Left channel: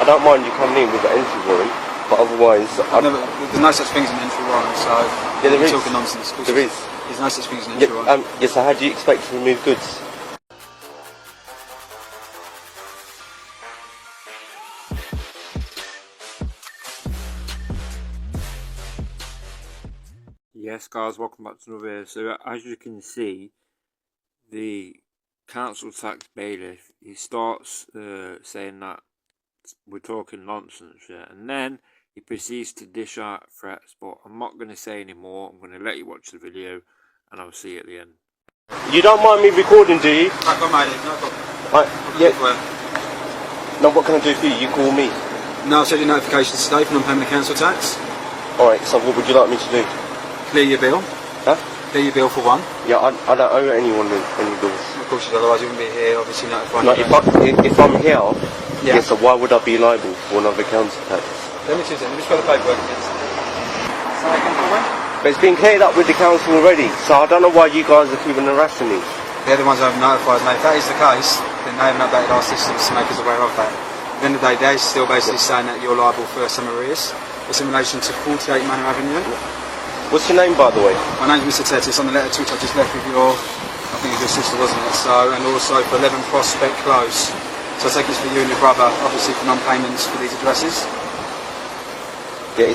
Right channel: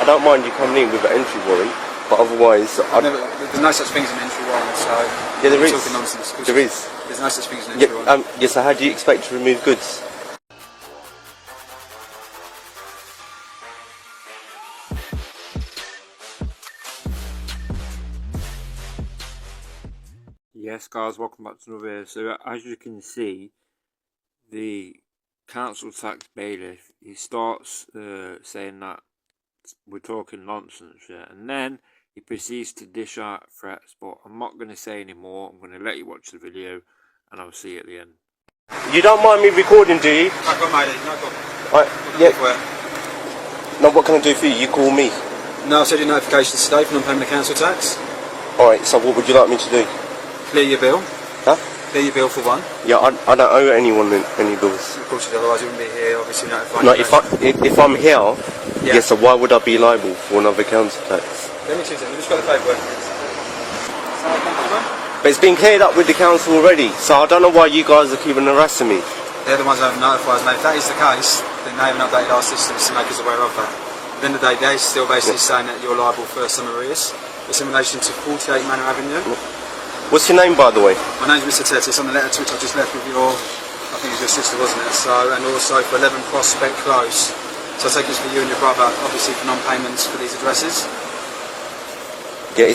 I don't mind you coming in with the entry warrant, but otherwise... there's no such thing as an entry warrant, so... Yeah, there is. Talking nonsense. There is. There's no such thing as an entry warrant. Yes, so how do you expect to remove goods? Yes guys, welcome back to another video. So as you can see, the council tax bailiff, he starts saying that we're talking nonsense, yeah, and then he proceeds to dish out threats, but I'm not going to say any more. I'm going to let you watch the video and I'll see you at the end. You don't mind me recording, do you? I've got my ID, no problem. Yeah. Now what can I do for you? You call me. No, I've sent you notifications today for non-payment of council tax. Alright, so what would you like me to do? Clear your bill. Huh? Clear your bill for one. Yeah, I don't owe anyone any bills. Of course you do, otherwise you wouldn't be here, obviously notifying. No, if I'm here, yeah, so why would I be liable for another council tax? Let me choose it, let me just go to the paperwork. But it's been cleared up with the council already, so I don't know why you guys are keeping harassing me. They're the ones that have notified us. Now if that is the case, then they haven't updated our systems to make us aware of that. At the end of the day, they're still basically saying that you're liable for some arrears. It's in relation to 48 Manor Avenue. What's your name, by the way? My name's Mr. Ted. It's on the letter to which I just left with your, I think it was your sister, wasn't it? So, and also for 11 Prospect Close. So I take this for you and your brother, obviously for non-payments for these addresses. Yeah,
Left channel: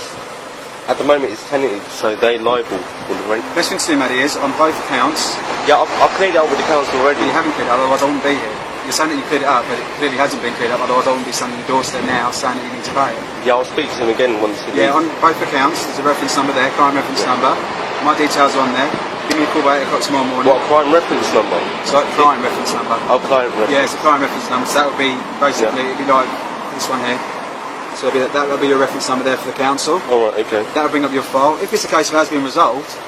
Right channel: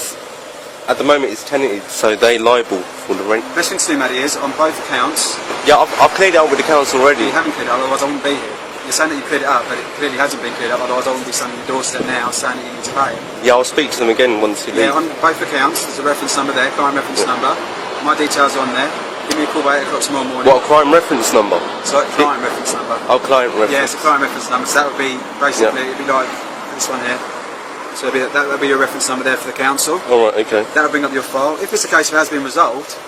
at the moment it's tenanted, so they're liable for the rent. Best thing to do, Maddie, is on both accounts. Yeah, I've cleared it up with the council already. You haven't cleared it up, otherwise I wouldn't be here. You're saying that you cleared it up, but it clearly hasn't been cleared up, otherwise I wouldn't be standing on your doorstep now saying that you need to pay it. Yeah, I'll speak to them again once you leave. Yeah, on both accounts, there's a reference number there, crime reference number. My details are on there. Give me a call by 8 o'clock tomorrow morning. What, crime reference number? So, client reference number. Oh, client reference. Yeah, it's a client reference number, so that would be, basically, it'd be like this one here. So that would be your reference number there for the council. Alright, okay. That would bring up your file. If it's the case of it has been resolved,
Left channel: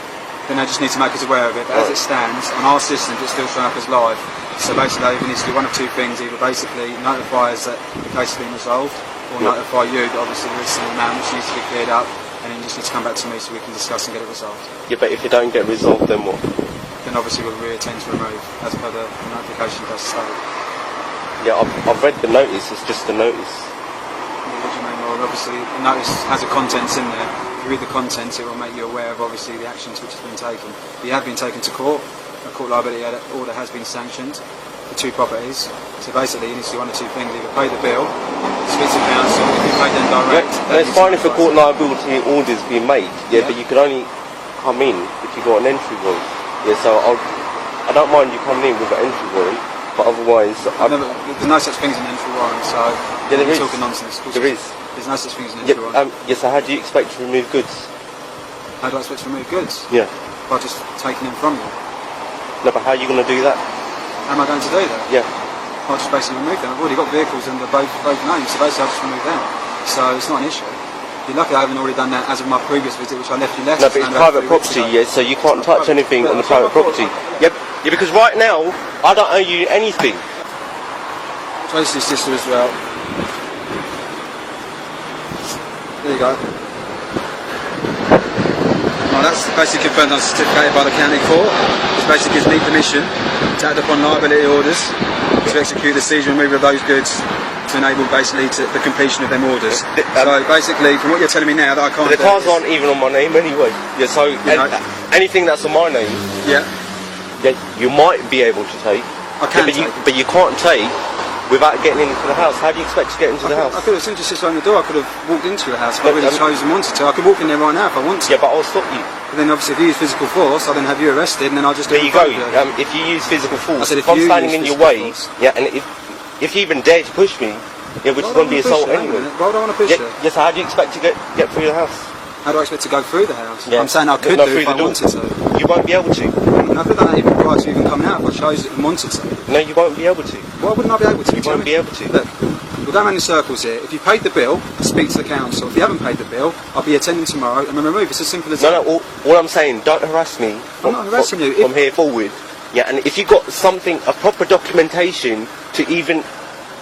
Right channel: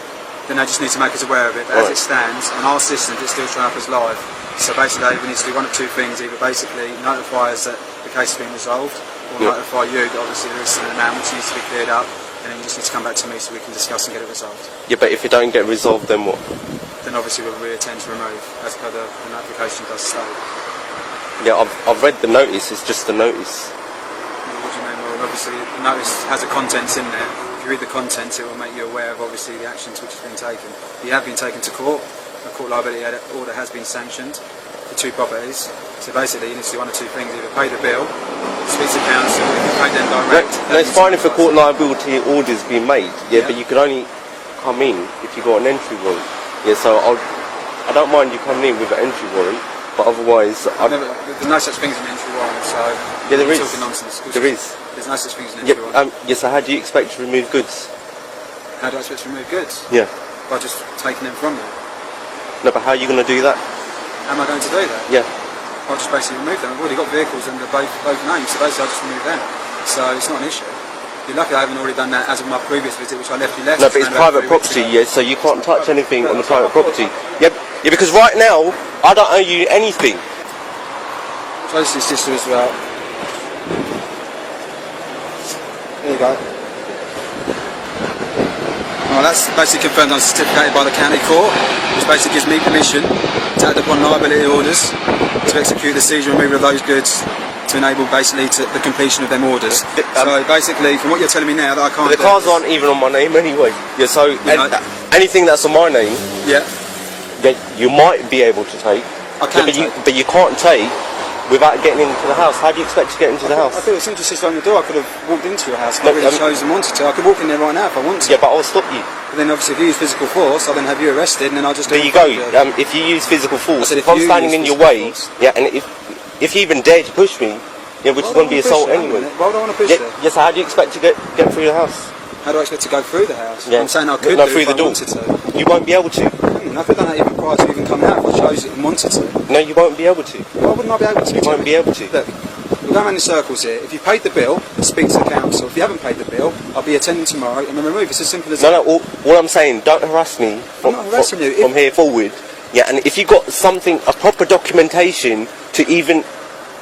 then they just need to make us aware of it. But as it stands, on our systems, it's still showing up as live. So basically, we need to do one of two things: either basically notify us that the case has been resolved, or notify you that obviously there is an amount which needs to be cleared up, and then you just need to come back to me so we can discuss and get it resolved. Yeah, but if it don't get resolved, then what? Then obviously we'll reattend to remove, as per the notification does state. Yeah, I've read the notice. It's just the notice. What do you mean? Well, obviously the notice has the contents in there. If you read the contents, it will make you aware of obviously the actions which have been taken. You have been taken to court. A court liability order has been sanctioned for 2 properties. So basically, you need to do one of 2 things: either pay the bill, speak to council. If you pay them direct, it's fine if a court liability order's been made. Yeah, but you can only come in if you got an entry warrant. Yeah, so I don't mind you coming in with an entry warrant, but otherwise, there's no such thing as an entry warrant. So yeah, there is. Talking nonsense. There is. There's no such thing as an entry warrant. Yes, so how do you expect to remove goods? How do I expect to remove goods? Yeah. By just taking them from them. No, but how are you going to do that? How am I going to do that? Yeah. I'll just basically remove them. I've already got vehicles under both names, so basically I'll just remove them. So it's not an issue. You're lucky I haven't already done that as of my previous visit, which I left you left. No, but it's private property, yeah, so you can't touch anything on the private property. Yeah, because right now, I don't owe you anything. Closely, sister, was that. There you go. Now that's basically confirmed on certificated by the county court. This basically gives me permission to act upon liability orders to execute the seizure and removal of those goods to enable basically the completion of them orders. So basically, from what you're telling me now, that I can't. The cars aren't even on my name anyway. Yeah, so anything that's on my name, you might be able to take. I can take, but you can't take without getting into the house. How do you expect to get into the house? I could have simply just opened the door. I could have walked into your house if I really chose and wanted to. I could walk in there right now if I want to. Yeah, but I'll stop you. But then obviously if you use physical force, I'll then have you arrested and then I'll just do it. There you go. If you use physical force, I said if I'm standing in your way, and if you even dare to push me, which won't be assault anyway. Why would I want to push you? Yes, how do you expect to get through the house? How do I expect to go through the house? Yeah. I'm saying I could do if I wanted to. You won't be able to. I could have done that even prior to even coming out if I chose it and wanted to. No, you won't be able to. Why wouldn't I be able to? You won't be able to. Look, we're going around in circles here. If you paid the bill, speak to the council. If you haven't paid the bill, I'll be attending tomorrow and we'll remove it. It's as simple as that. No, all I'm saying, don't harass me. I'm not harassing you. From here forward. Yeah, and if you've got something, a proper documentation to even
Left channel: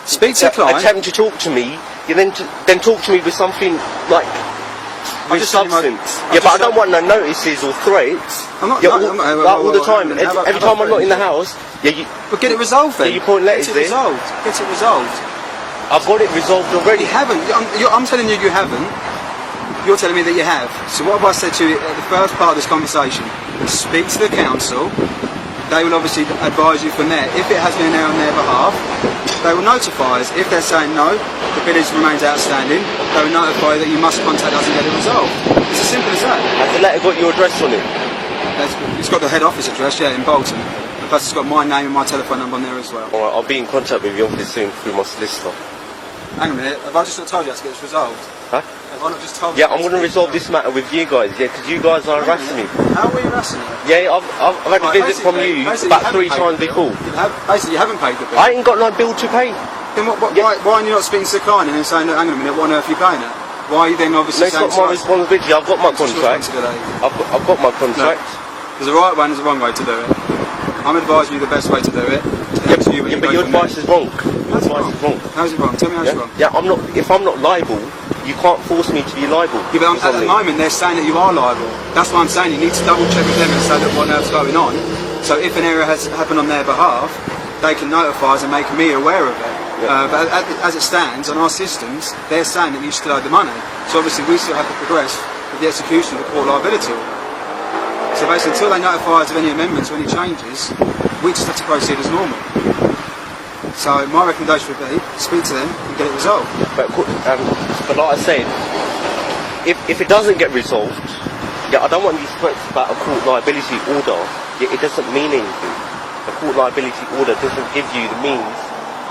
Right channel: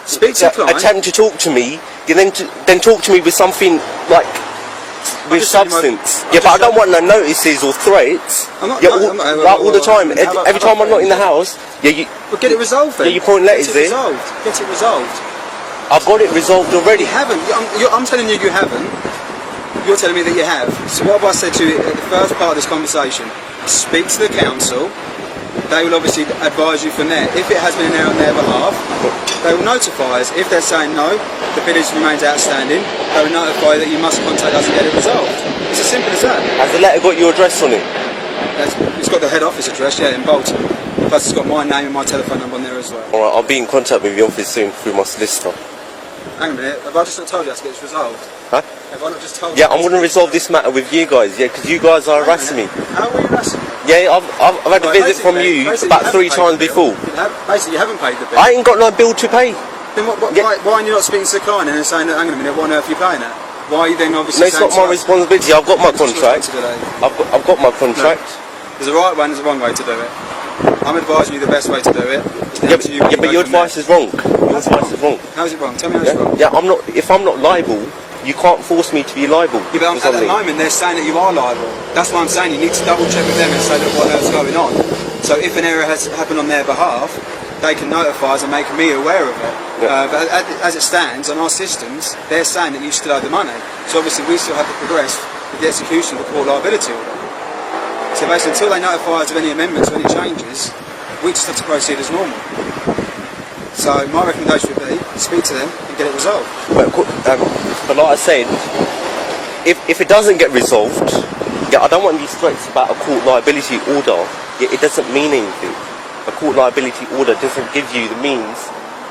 speak to the client, attempt to talk to me, you then talk to me with something like with substance. Yeah, but I don't want no notices or threats. I'm not. All the time. Every time I'm not in the house, Well, get it resolved then. Yeah, you point letters there. Get it resolved. I've got it resolved already. You haven't. I'm telling you, you haven't. You're telling me that you have. So what have I said to you at the first part of this conversation? Speak to the council. They will obviously advise you from there. If it has been an error on their behalf, they will notify us. If they're saying no, the bill remains outstanding, they will notify that you must contact us and get it resolved. It's as simple as that. Has the letter got your address on it? It's got the head office address, yeah, in Bolton. Plus it's got my name and my telephone number on there as well. Alright, I'll be in contact with your office soon through my solicitor. Hang on a minute, have I just not told you that to get this resolved? Huh? Have I not just told you? Yeah, I'm going to resolve this matter with you guys, yeah, because you guys are harassing me. How are you harassing me? Yeah, I've had a visit from you about 3 times before. Basically, you haven't paid the bill. I ain't got no bill to pay. Then why are you not speaking to the client and then saying, look, hang on a minute, what on earth are you paying at? Why are you then obviously saying... No, it's not my responsibility, I've got my contract. I've got my contract. No, there's a right way and there's a wrong way to do it. I'm advising you the best way to do it. But your advice is wrong. How's it wrong? How's it wrong? Tell me how it's wrong. Yeah, if I'm not liable, you can't force me to be liable. Yeah, but at the moment they're saying that you are liable. That's why I'm saying you need to double check with them and say, look, what on earth's going on. So if an error has happened on their behalf, they can notify us and make me aware of it. Yeah. But as it stands on our systems, they're saying that you still owe the money. So obviously we still have to progress with the execution of the court liability order. So basically until they notify us of any amendments or any changes, we just have to proceed as normal. So my recommendation would be speak to them and get it resolved. But like I said, if it doesn't get resolved, yeah, I don't want these threats about a court liability order. Yeah, it doesn't mean anything. A court liability order doesn't give you the means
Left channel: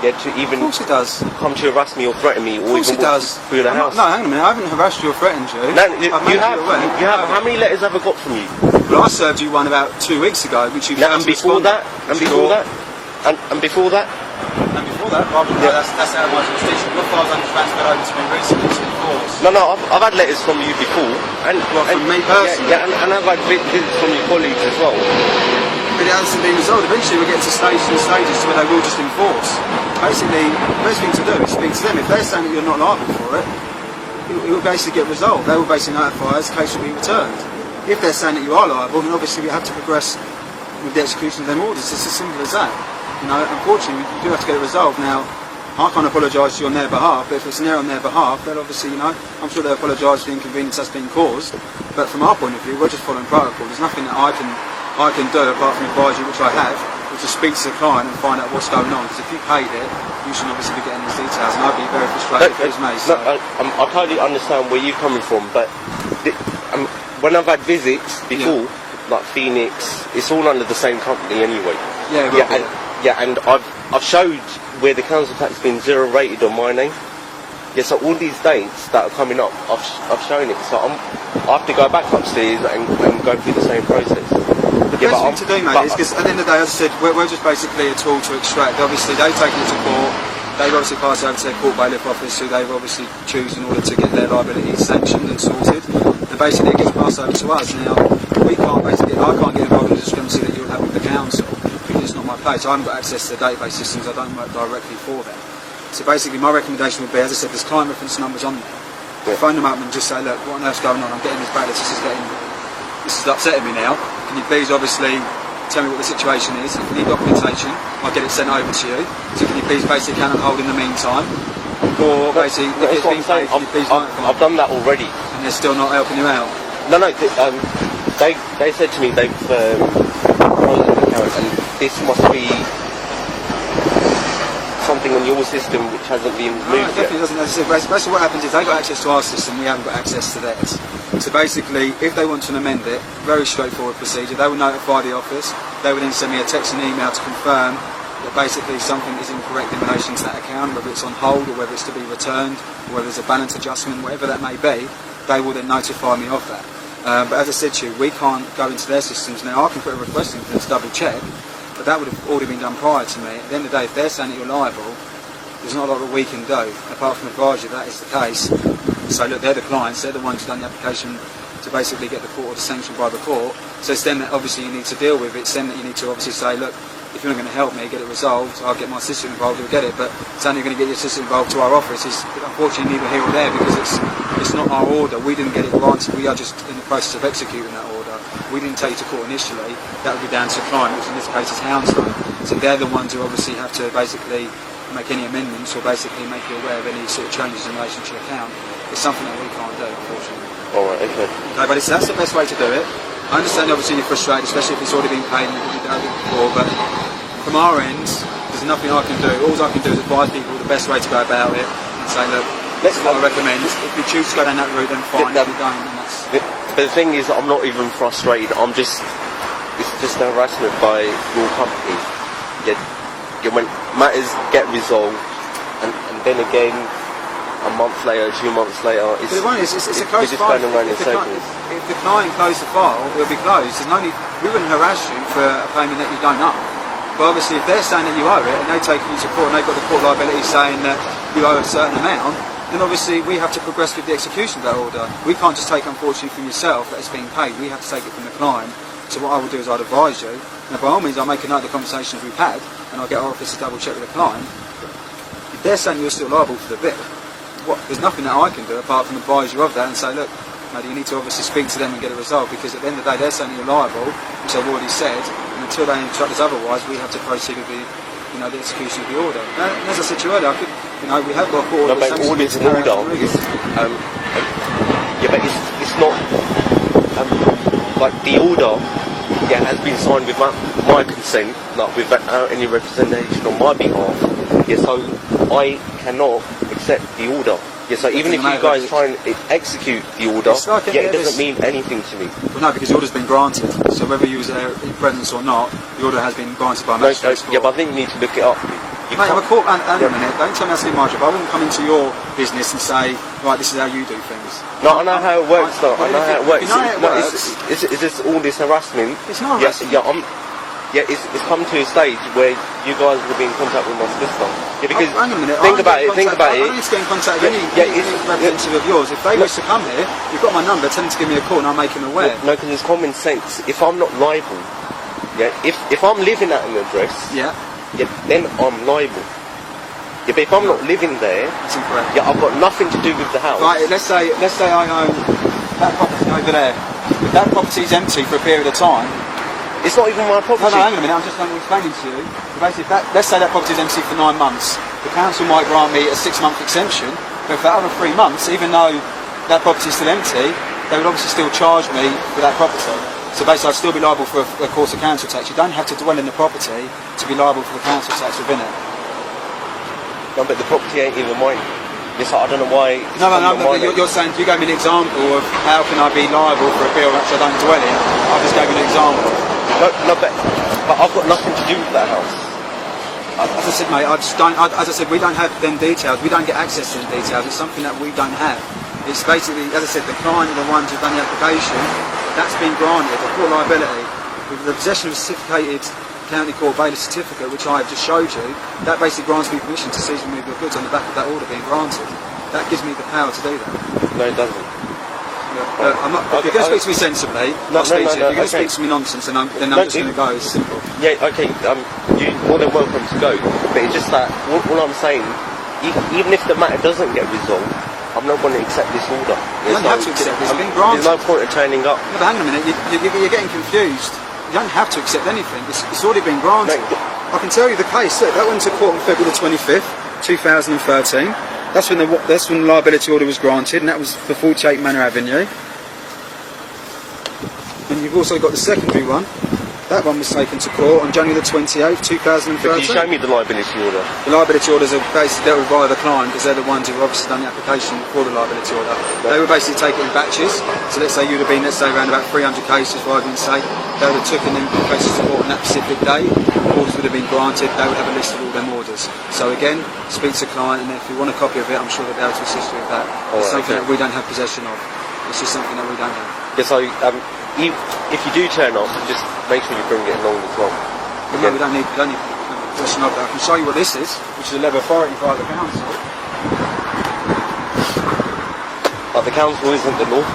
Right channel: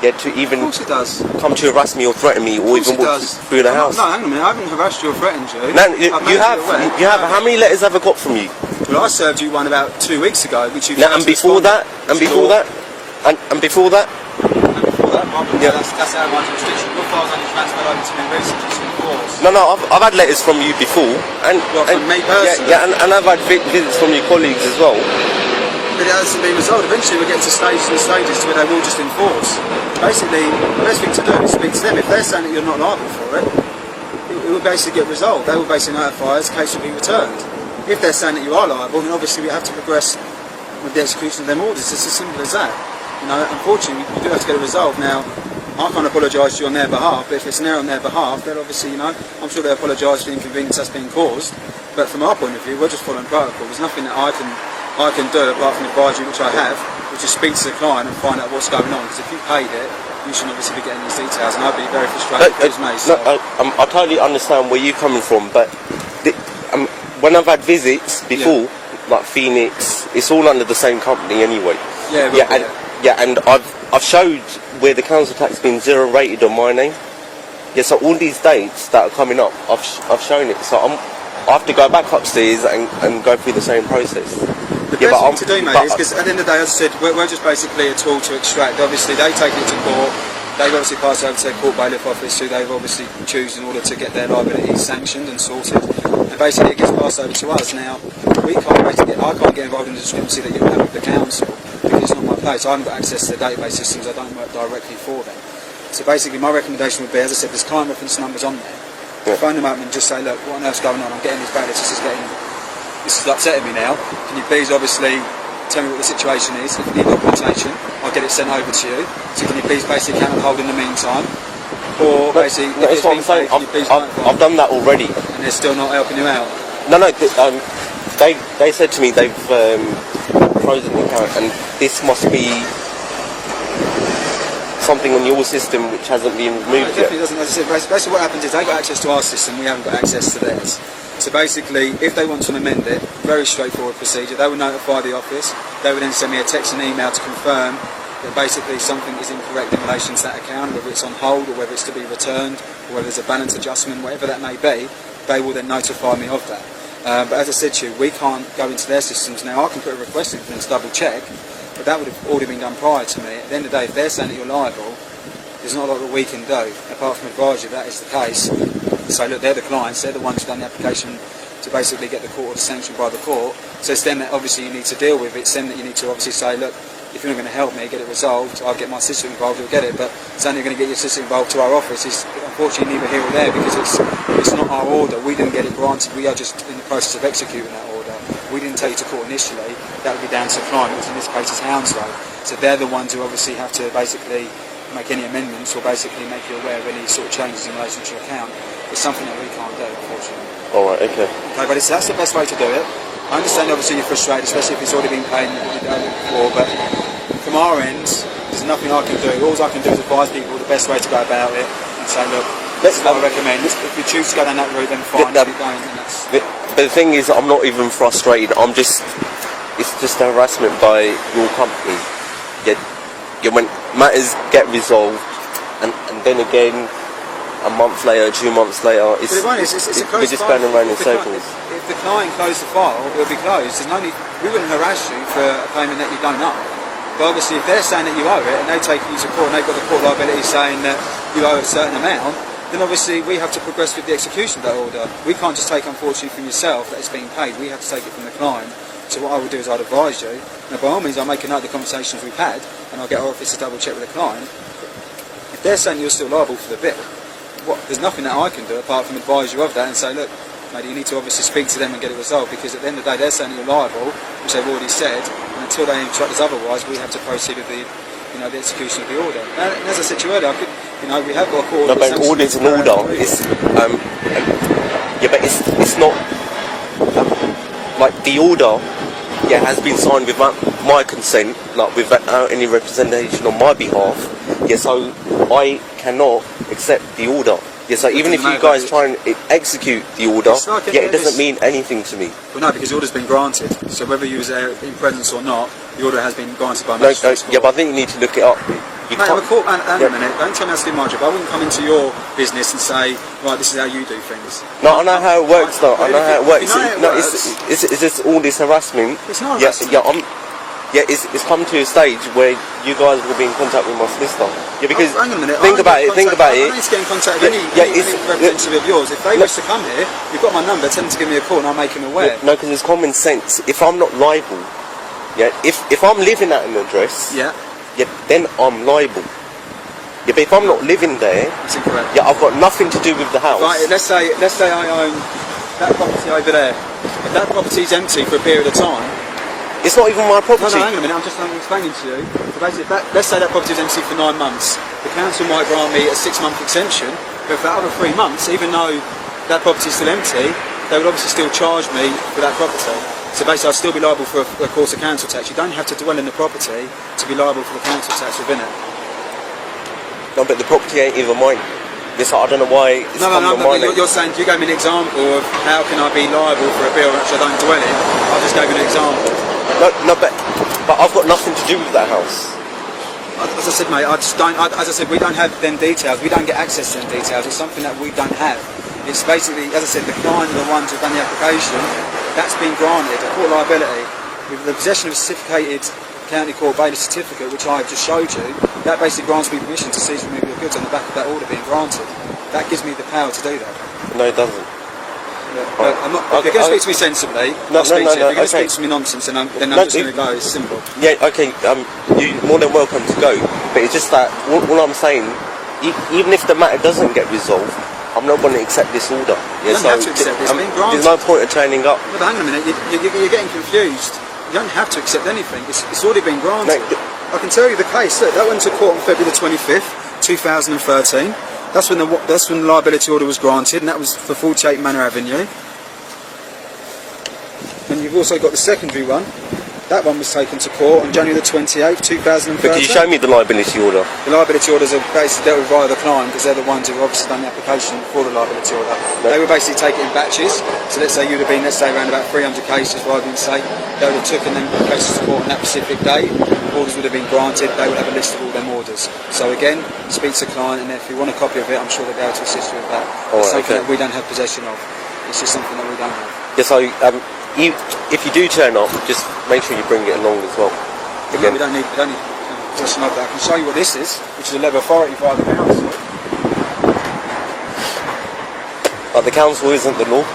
to even of course it does. Come to harass me or threaten me or even walk through the house. No, hang on a minute, I haven't harassed you or threatened you. No, you have. How many letters have I got from you? Well, I served you one about 2 weeks ago, which you... And before that? And before that? And before that? And before that? That's how my jurisdiction. Your files have been transferred over to me recently to enforce. No, I've had letters from you before. From me personally? Yeah, and I've had visits from your colleagues as well. But it hasn't been resolved. Eventually we'll get to stages and stages where they will just enforce. Basically, the best thing to do is speak to them. If they're saying that you're not liable for it, it will basically get resolved. They will basically notify us, the case will be returned. If they're saying that you are liable, then obviously we have to progress with the execution of them orders. It's as simple as that. You know, unfortunately, you do have to get it resolved. Now, I can't apologise to you on their behalf, but if it's an error on their behalf, then obviously, you know, I'm sure they'll apologise for the inconvenience that's been caused. But from our point of view, we're just following protocol. There's nothing that I can do apart from advise you, which I have, which is speak to the client and find out what's going on. Because if you paid it, you should obviously be getting these details, and I'd be very frustrated if it was me. So. I totally understand where you're coming from, but when I've had visits before, like Phoenix, it's all under the same company anyway. And I've showed where the council tax has been 0 rated on my name. Yeah, so all these dates that are coming up, I've shown it. So I have to go back upstairs and go through the same process. The best thing to do, mate, is because at the end of the day, as I said, we're just basically a tool to extract. Obviously, they take it to court. They've obviously passed it over to their court bailiff office, who they've obviously choose in order to get their liability sanctioned and sorted. And basically, it gets passed over to us. Now, I can't get involved in the discrepancy that you'll have with the council because it's not my place. I haven't got access to the database systems. I don't work directly for them. So basically, my recommendation would be, as I said, there's client reference numbers on there. Yeah. Phone them up and just say, look, what on earth's going on? I'm getting these bailiffs. This is upsetting me now. Can you please, obviously, tell me what the situation is? If you need documentation, I'll get it sent over to you. So can you please basically can on hold in the meantime? Or basically, if it's been paid, can you please notify? I've done that already. And they're still not helping you out? No, they said to me they've frozen the account, and this must be something on your system which hasn't been moved. No, it definitely doesn't. As I said, basically what happens is they got access to our system, we haven't got access to theirs. So basically, if they want to amend it, very straightforward procedure, they will notify the office, they would then send me a text and email to confirm that basically something is incorrect in relation to that account, whether it's on hold or whether it's to be returned, or whether there's a balance adjustment, whatever that may be, they will then notify me of that. But as I said to you, we can't go into their systems now. I can put a request in for them to double check, but that would have already been done prior to me. At the end of the day, if they're saying that you're liable, there's not a lot that we can do, apart from advise you that is the case. So look, they're the clients, they're the ones who've done the application to basically get the court order sanctioned by the court. So it's them that obviously you need to deal with. It's them that you need to obviously say, look, if you're not going to help me get it resolved, I'll get my sister involved, we'll get it. But saying you're going to get your sister involved to our office is unfortunately neither here or there, because it's not our order. We didn't get it granted. We are just in the process of executing that order. We didn't take it to court initially. That would be down to the client, which in this case is Hounslow. So they're the ones who obviously have to basically make any amendments or basically make you aware of any sort of changes in relation to your account. It's something that we can't do, unfortunately. Alright, okay. Okay, but that's the best way to do it. I understand obviously you're frustrated, especially if it's already been paid and already done it before, but from our end, there's nothing I can do. All I can do is advise people the best way to go about it and say, look, this is what I recommend. If you choose to go down that route, then fine. If you don't, then that's... But the thing is, I'm not even frustrated. It's just harassment by your company. When matters get resolved, and then again, a month later, 2 months later, it's a closed file. If the client closed the file, it would be closed. There's no need. We wouldn't harass you for a payment that you don't owe. But obviously, if they're saying that you owe it, and they take you to court, and they've got the court liability saying that you owe a certain amount, then obviously we have to progress with the execution of that order. We can't just take, unfortunately, from yourself that it's being paid. We have to take it from the client. So what I will do is I'd advise you, and by all means I'll make a note of the conversations we've had, and I'll get our office to double check with the client. If they're saying you're still liable for the bill, there's nothing that I can do apart from advise you of that and say, look, mate, you need to obviously speak to them and get it resolved, because at the end of the day they're saying you're liable, which they've already said, and until they instruct us otherwise, we have to proceed with the execution of the order. And as I said to you earlier, we have got a court order. But order's an order. But it's not like the order. Yeah, has been signed with my consent, like without any representation on my behalf. Yeah, so I cannot accept the order. Yeah, so even if you guys try and execute the order, it doesn't mean anything to me. Well, no, because the order's been granted. So whether you was there in presence or not, the order has been granted by magistrate's court. Yeah, but I think you need to look it up. Mate, I'm a court. Hang on a minute. Don't tell me how to do my job. I wouldn't come into your business and say, right, this is how you do things. No, I know how it works, though. I know how it works. You know how it works. Is this all this harassment? It's not harassment. It's come to a stage where you guys will be in contact with my solicitor. Yeah, because hang on a minute. Think about it. I don't need to get in contact with any representative of yours. If they wish to come here, you've got my number. Tell them to give me a call, and I'll make them aware. No, because it's common sense. If I'm not liable, if I'm living at an address, then I'm liable. Yeah, but if I'm not living there, it's incorrect. Yeah, I've got nothing to do with the house. Right, let's say I own that property over there. If that property's empty for a period of time, it's not even my property. No, hang on a minute. I'm explaining to you. So basically, let's say that property's empty for 9 months. The council might grant me a 6-month extension, but for that other 3 months, even though that property's still empty, they would obviously still charge me for that property. So basically, I'd still be liable for a course of council tax. You don't have to dwell in the property to be liable for the council tax within it. No, but the property ain't even mine. Yes, I don't know why. You're saying, you gave me an example of how can I be liable for a bill which I don't dwell in. I just gave you an example. No, but I've got nothing to do with that house. As I said, mate, as I said, we don't have them details. We don't get access to them details. It's something that we don't have. It's basically, as I said, the client are the ones who've done the application. That's been granted. The court liability, with the possession of a certificated county court bailiff certificate, which I have just showed you, that basically grants me permission to seize and remove your goods on the back of that order being granted. That gives me the power to do that. No, it doesn't. If you're going to speak to me sensibly, I'll speak to you. If you're going to speak to me nonsense, then I'm just going to go. It's simple. Yeah, okay, you're more than welcome to go. But it's just like, all I'm saying, even if the matter doesn't get resolved, I'm not going to accept this order. You don't have to accept this. It's been granted. There's no point of turning up. No, but hang on a minute. You're getting confused. You don't have to accept anything. It's already been granted. I can tell you the case. Look, that went to court on February the 25th, 2013. That's when the liability order was granted, and that was for 48 Manor Avenue. And you've also got the secondary one. That one was taken to court on January the 28th, 2013. But could you show me the liability order? The liability orders are basically dealt with via the client, because they're the ones who have obviously done the application for the liability order. They would basically take it in batches. So let's say you'd have been, around about 300 cases, for argument's sake. They would have taken them cases to court on that specific day. Orders would have been granted. They would have a list of all them orders. So again, speak to the client, and if you want a copy of it, I'm sure they'll be able to assist you with that. It's something that we don't have possession of. It's just something that we don't have. Yeah, so if you do turn up, just make sure you bring it along as well. No, we don't need possession of that. I can show you what this is, which is a letter of authority via the council. But the council isn't the law.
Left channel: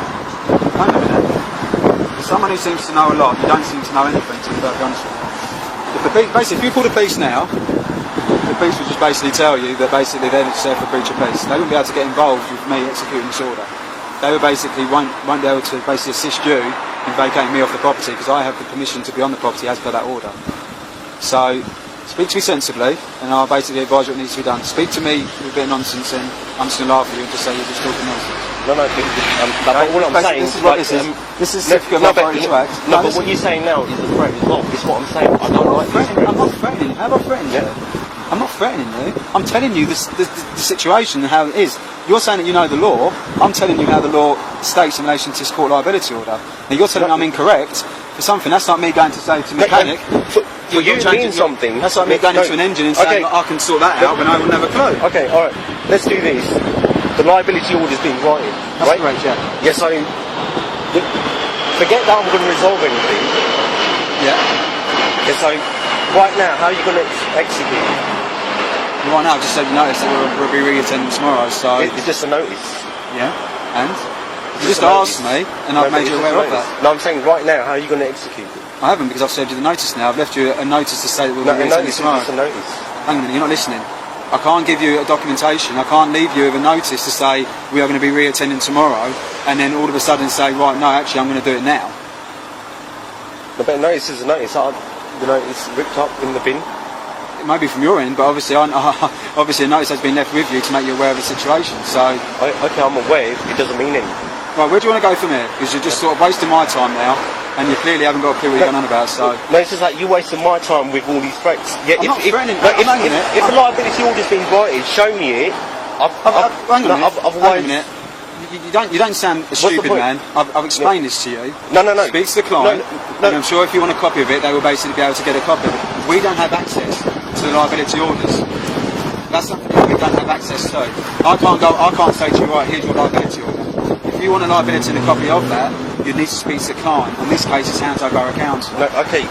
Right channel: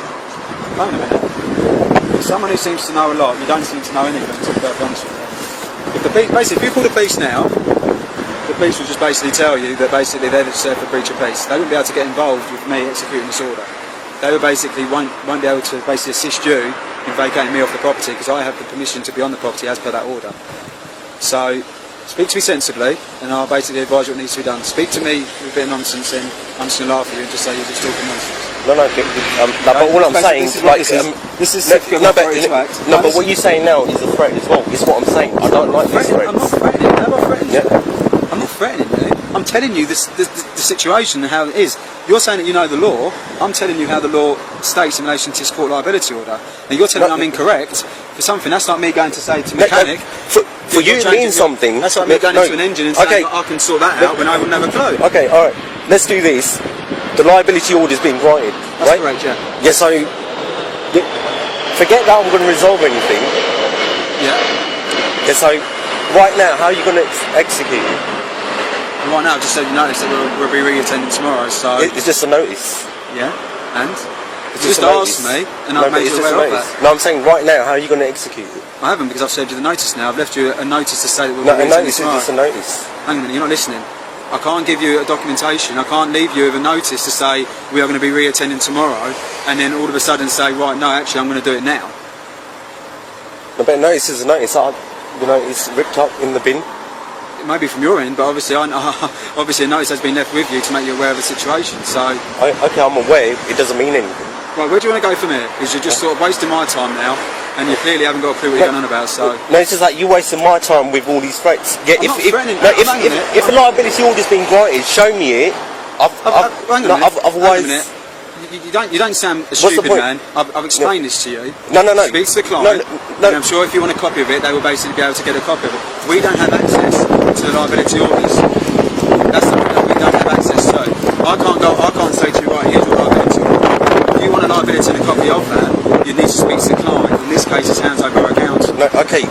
Hang on a minute. Someone who seems to know a lot, you don't seem to know anything, to be perfectly honest with you. If you call the police now, the police will just basically tell you that basically they're there for breach of peace. They wouldn't be able to get involved with me executing this order. They would basically won't be able to basically assist you in vacating me off the property, because I have the permission to be on the property as per that order. So Speak to me sensibly, and I'll basically advise you what needs to be done. Speak to me with a bit of nonsense, and I'm just going to laugh at you and just say you're just talking nonsense. No, all I'm saying is what this is. This is certificate of authority to act. No, but what you're saying now is a threat as well. It's what I'm saying. I don't like these threats. I'm not threatening. How have I threatened you? I'm not threatening you. I'm telling you the situation and how it is. You're saying that you know the law. I'm telling you how the law states in relation to this court liability order. Now you're telling me I'm incorrect for something. That's like me going to say to a mechanic. For you it means something. That's like me going into an engine and saying I can sort that out when I wouldn't have a clue. Okay, all right. Let's do this. The liability order's been granted. That's right? correct, yeah. Yeah, so forget that I'm going to resolve anything. Yeah. Yeah, so right now, how are you going to execute? Right now, I've just said you notice that we'll be re-attending tomorrow, so... It's just a notice. Yeah, and? You just asked me, and I've made you aware of that. No, I'm saying right now, how are you going to execute it? I haven't, because I've served you the notice now. I've left you a notice to say that we'll be re-attending tomorrow. It's a notice. Hang on a minute, you're not listening. I can't give you a documentation, I can't leave you with a notice to say we are going to be re-attending tomorrow, and then all of a sudden say, right, no, actually I'm going to do it now. No, but a notice is a notice. It's ripped up in the bin. It may be from your end, but obviously obviously a notice has been left with you to make you aware of the situation, so... Okay, I'm aware, it doesn't mean anything. Right, where do you want to go from here? Because you're just sort of wasting my time now, and you clearly haven't got a clue what you're going on about, so... No, it's just like you're wasting my time with all these threats. Yeah, I'm not threatening. If a liability order's been granted, show me it. Hang on a minute. You don't sound a stupid man. I've explained this to you. No. Speak to the client, and I'm sure if you want a copy of it, they will basically be able to get a copy of it. If we don't have access to the liability orders, that's something that we don't have access to. I can't say to you, right, here's your liability order. If you want a liability and a copy of that, you need to speak to the client. In this case, it's Hounslow Borough Council. No, okay,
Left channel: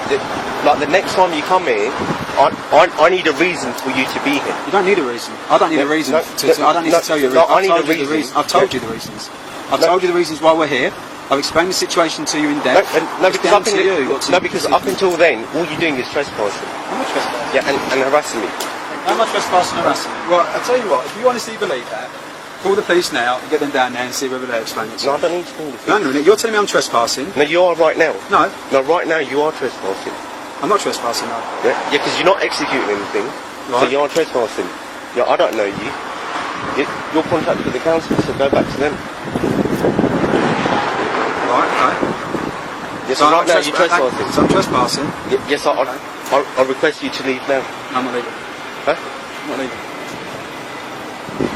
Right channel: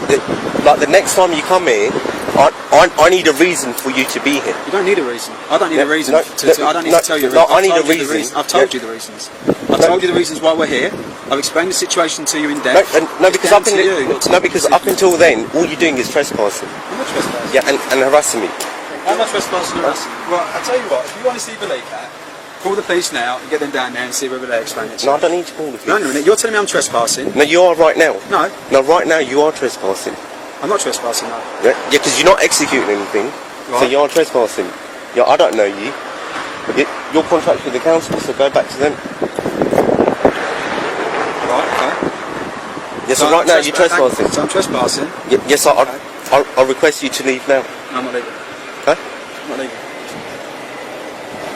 like the next time you come here, I need a reason for you to be here. You don't need a reason. I don't need a reason. I don't need to tell you a reason. I've told you the reasons. I've told you the reasons why we're here. I've explained the situation to you in depth. Because up until then, all you're doing is trespassing. I'm not trespassing. Yeah, and harassing me. How am I trespassing and harassing? Right, I'll tell you what, if you honestly believe that, call the police now and get them down there and see whether they explain it to you. No, I don't need to call the police. No, you're telling me I'm trespassing. No, you are right now. No. No, right now you are trespassing. I'm not trespassing, no. Yeah, because you're not executing anything, right. So you are trespassing. Yeah, I don't know you. You're contracted with the council, so go back to them. Right, okay. Yes, so right now you're trespassing. So I'm trespassing? Yes, I request you to leave now. No, I'm not leaving. Huh? I'm not leaving.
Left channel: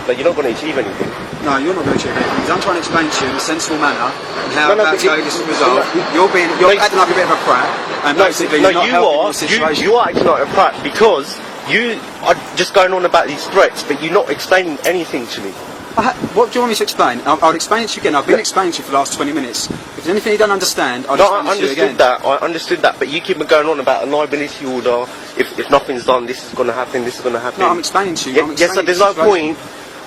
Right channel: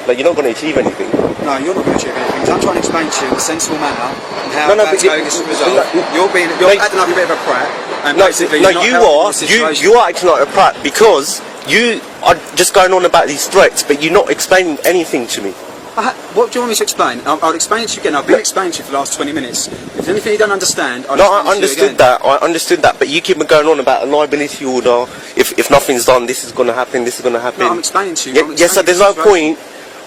But you're not going to achieve anything. No, you're not going to achieve anything. Because I'm trying to explain to you in a sensible manner and how that's going to resolve. You're acting like a bit of a prat, and basically you're not helping the situation. You are acting like a prat because you are just going on about these threats, but you're not explaining anything to me. What do you want me to explain? I'll explain it to you again. I've been explaining to you for the last 20 minutes. If there's anything you don't understand, I'll explain it to you again. I understood that, but you keep going on about a liability order. If nothing's done, this is going to happen, this is going to happen. No, I'm explaining to you. Yes, so there's no point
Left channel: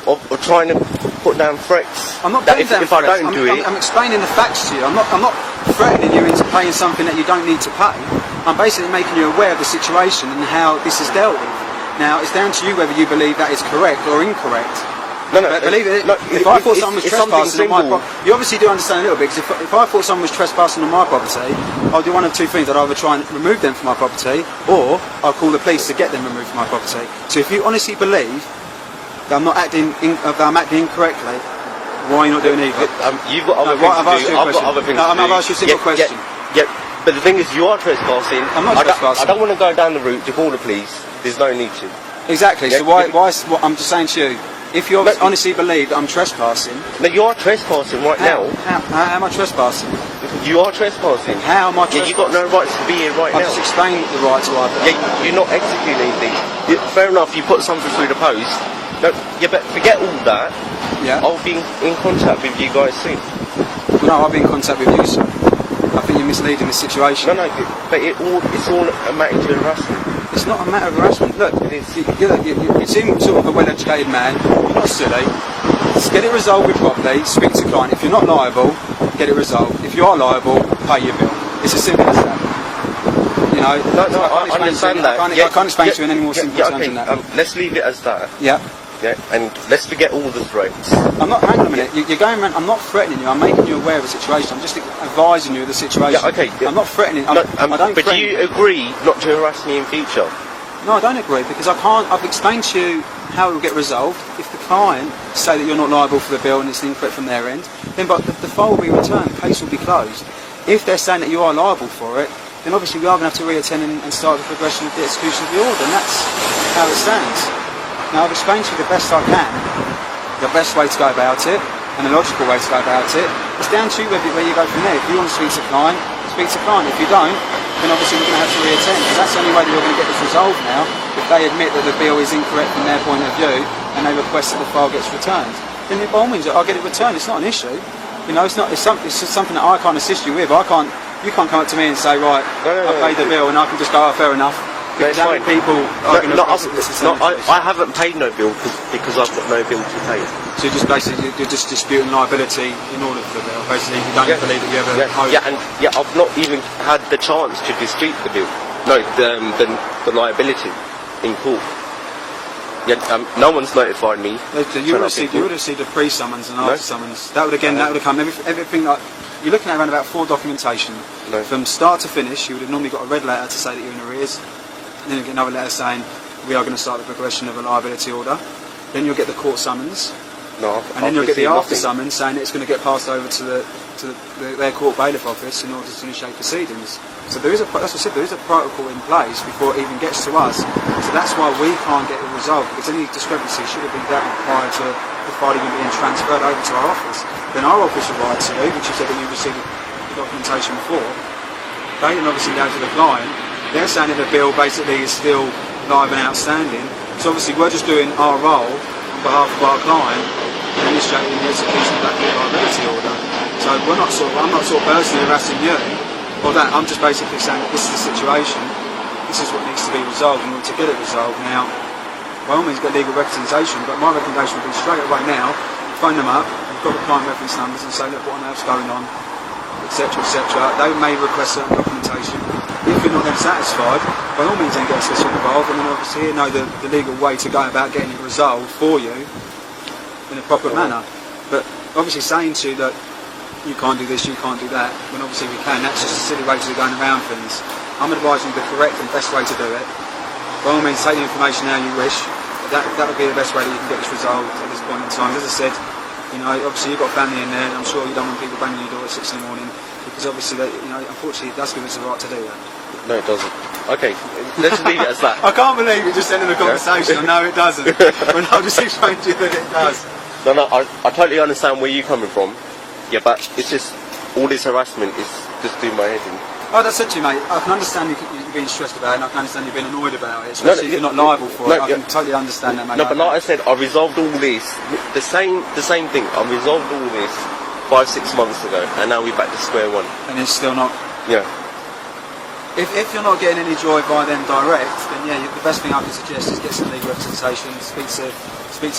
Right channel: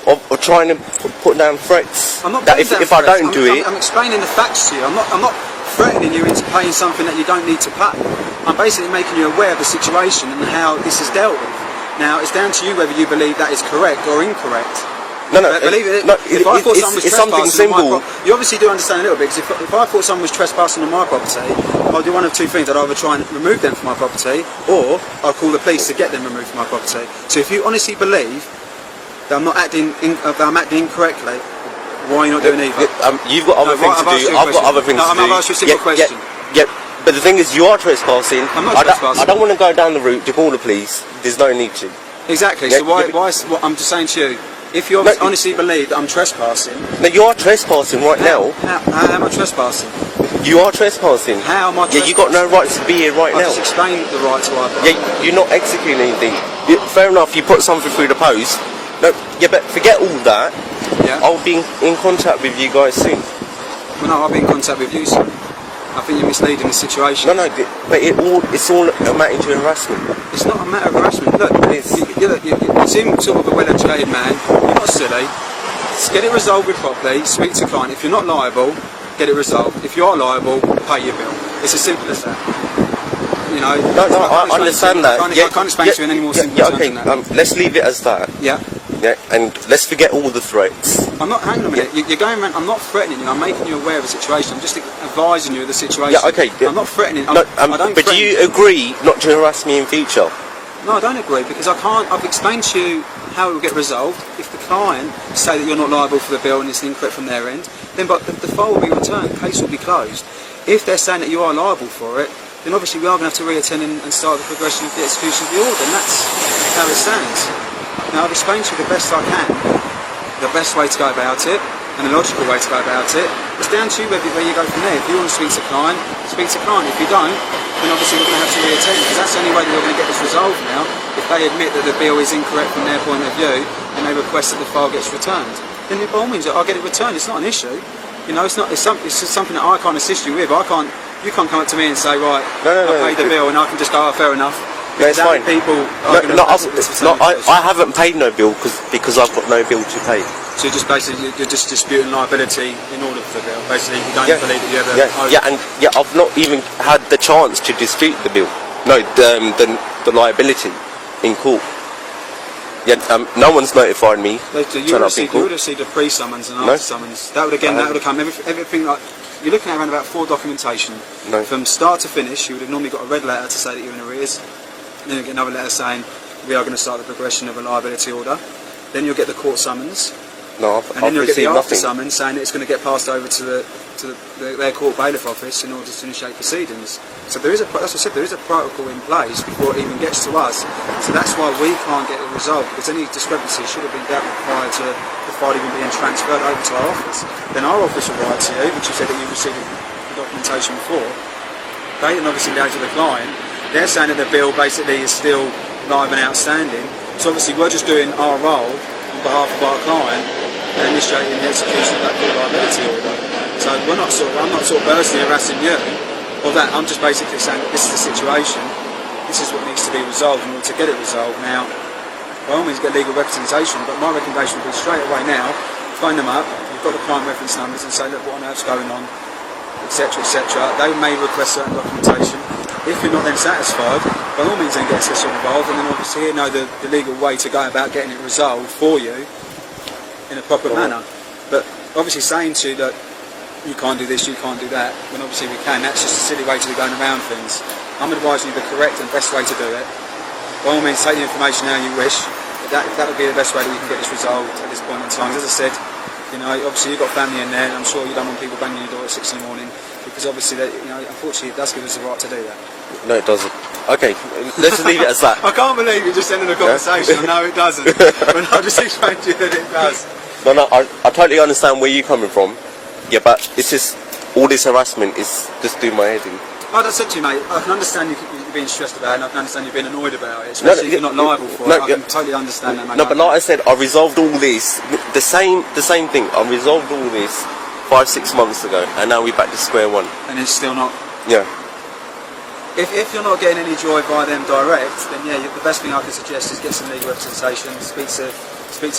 of trying to put down threats. I'm not putting down if threats. I don't do it... I'm explaining the facts to you. I'm not threatening you into paying something that you don't need to pay. I'm basically making you aware of the situation and how this is dealt with. Now, it's down to you whether you believe that is correct or incorrect. No, believe it. If I thought someone was trespassing on my property, you obviously do understand a little bit. Because if I thought someone was trespassing on my property, I'll do one of two things. I'd either try and remove them from my property, or I'll call the police to get them removed from my property. So if you honestly believe that I'm not acting, that I'm acting incorrectly, why are you not doing either? You've got other things to do. I've got other things to do. I've asked you a simple question. Yeah. But the thing is, you are trespassing. I'm not trespassing. I don't want to go down the route to call the police. There's no need to. Exactly. So why? I'm just saying to you. If you honestly believe that I'm trespassing... No, you are trespassing right now. How am I trespassing? You are trespassing. How am I trespassing? Yeah, you've got no rights to be here right now. I've just explained the right to our property. Yeah, you're not executing anything. Fair enough, you put something through the post. But forget all that. Yeah. I'll be in contact with you guys soon. Well, no, I'll be in contact with you soon. I think you're misleading the situation. No, but it's all amounting to harassment. It's not a matter of harassment. Look, you seem sort of a well-educated man. You're not silly. Just get it resolved with properly. Speak to the client. If you're not liable, get it resolved. If you are liable, pay your bill. It's as simple as that. You know, I can't explain to you in any more simple terms than that. Let's leave it as that. Yeah. Yeah, and let's forget all the threats. I'm not. Hang on a minute. You're going around. I'm not threatening you. I'm making you aware of the situation. I'm just advising you of the situation. Yeah, okay. I'm not threatening. I don't. But do you agree not to harass me in future? No, I don't agree, because I can't. I've explained to you how it will get resolved. If the client say that you're not liable for the bill and it's incorrect from their end, then but the file will be returned, the case will be closed. If they're saying that you are liable for it, then obviously we are going to have to re-attend and start the progression of the execution of the order, and that's how it stands. Now, I've explained to you the best I can, the best way to go about it, and the logical way to go about it. It's down to you where you go from there. If you want to speak to client, speak to client. If you don't, then obviously we're going to have to re-attend, because that's the only way that we're going to get this resolved now. If they admit that the bill is incorrect from their point of view, and they request that the file gets returned, then by all means, I'll get it returned. It's not an issue. You know, it's just something that I can't assist you with. You can't come up to me and say, right, I paid the bill, and I can just go, oh, fair enough. Because yeah, people are going to I haven't paid no bill because I've got no bill to pay. So you're just disputing liability in order for the bill. Basically, you don't believe that you ever I've not even had the chance to dispute the bill. No, the liability in court. Yeah, no one's notified me. You would have received a pre-summons and after summons. That would have come everything like. You're looking at around about 4 documentation. From start to finish, you would have normally got a red letter to say that you're in arrears. Then you'll get another letter saying we are going to start the progression of a liability order. Then you'll get the court summons. And then you'll get the after summons saying that it's going to get passed over to their court bailiff office in order to initiate proceedings. So there is as I said, there is a protocol in place before it even gets to us. So that's why we can't get it resolved, because any discrepancy should have been dealt with prior to the file even being transferred over to our office. Then our office will write to you, which you said that you received the documentation before. They then obviously go to the client. They're saying that the bill basically is still live and outstanding. So obviously we're just doing our role on behalf of our client and initiating the execution of that court liability order. So I'm not personally harassing you or that. I'm just basically saying that this is the situation. This is what needs to be resolved in order to get it resolved. Now, by all means, get legal representation, but my recommendation would be straight away now, phone them up. You've got the client reference numbers and say, look, what on earth's going on, etc., etc. They may request certain documentation. If you're not then satisfied, by all means then get us involved, and then obviously you know the legal way to go about getting it resolved for you in a proper manner. But obviously saying to you that you can't do this, you can't do that, when obviously we can, that's just a silly way to be going around things. I'm advising you the correct and best way to do it. By all means, take the information how you wish, but that'll be the best way that you can get this resolved at this point in time. As I said, you know, obviously you've got family in there, and I'm sure you don't want people banging your door at 6 in the morning, because obviously, unfortunately, it does give us the right to do that. No, it doesn't. Okay, let's leave it as that. I can't believe you're just ending the conversation. No, it doesn't. But I'll just explain to you that it does. No, I totally understand where you're coming from. Yeah, but it's just, all this harassment is just doing my head in. Like I said to you, mate, I can understand you being stressed about it, and I can understand you being annoyed about it, especially if you're not liable for it. I can totally understand that, mate. No, but like I said, I resolved all this, the same thing, I resolved all this 5-6 months ago, and now we're back to square one. And it's still not? Yeah. If you're not getting any joy by them direct, then yeah, the best thing I can suggest is get some legal representation, speak to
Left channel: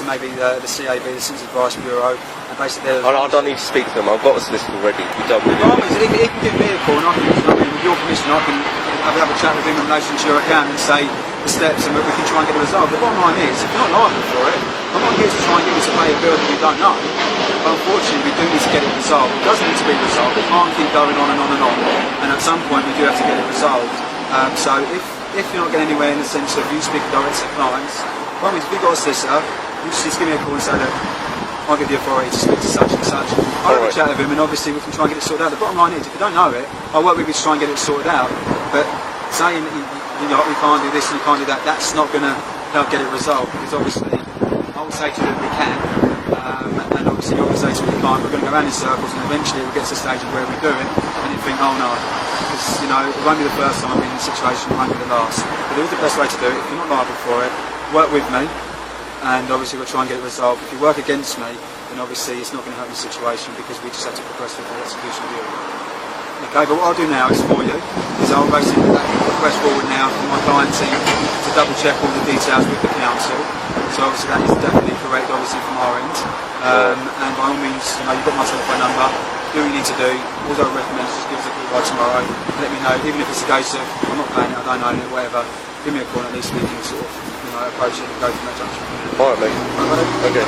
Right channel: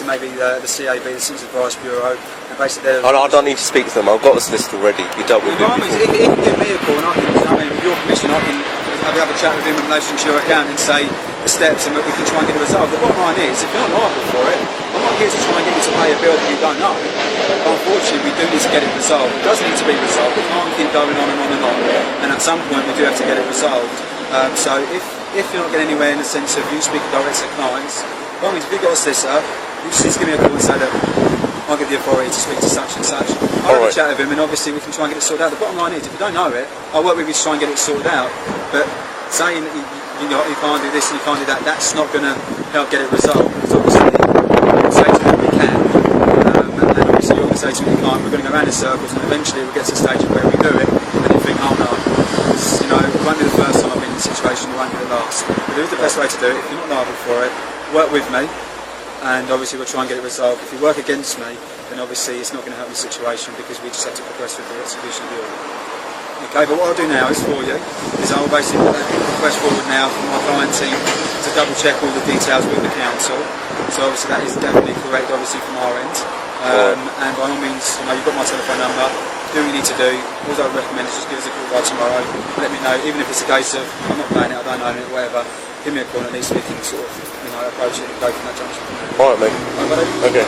maybe the CAB, the Citizens Advice Bureau, and basically... I don't need to speak to them, I've got a solicitor already. You don't need to... It can give me a call, and with your permission, I can have a chat with him in relation to your account and say the steps, and we can try and get it resolved. The bottom line is, if you're not liable for it, I'm not here to try and get you to pay a bill that you don't know. But unfortunately, we do need to get it resolved. It does need to be resolved. It can't keep going on and on and on. And at some point, we do have to get it resolved. So if you're not getting anywhere in the sense of you speaking direct to clients, by all means, if you've got a solicitor, you just give me a call and say, look, I'll give the authority to speak to such and such. I'll have a chat with him, and obviously we can try and get it sorted out. The bottom line is, if you don't know it, I'll work with you to try and get it sorted out. But saying that you can't do this and you can't do that, that's not going to help get it resolved. Because obviously, I say to them we can, and obviously you're going to say to me you can't. We're going to go around in circles, and eventually we'll get to the stage of where we do it, and you think, oh no, because it won't be the first time I've been in this situation, it won't be the last. But there is the best way to do it. If you're not liable for it, work with me. And obviously we'll try and get it resolved. If you work against me, then obviously it's not going to help the situation, because we just have to progress with the execution of the order. Okay, but what I'll do now is for you, is I'll basically put that request forward now for my client team to double check all the details with the council. So obviously that is definitely correct, obviously from our end. And by all means, you've got my telephone number, do what you need to do. All I would recommend is just give us a call by tomorrow, let me know, even if it's a case of, I'm not paying it, I don't own it, whatever, give me a call and at least we can sort of approach it and go from that junction. Alright, mate. Alright, buddy. Okay,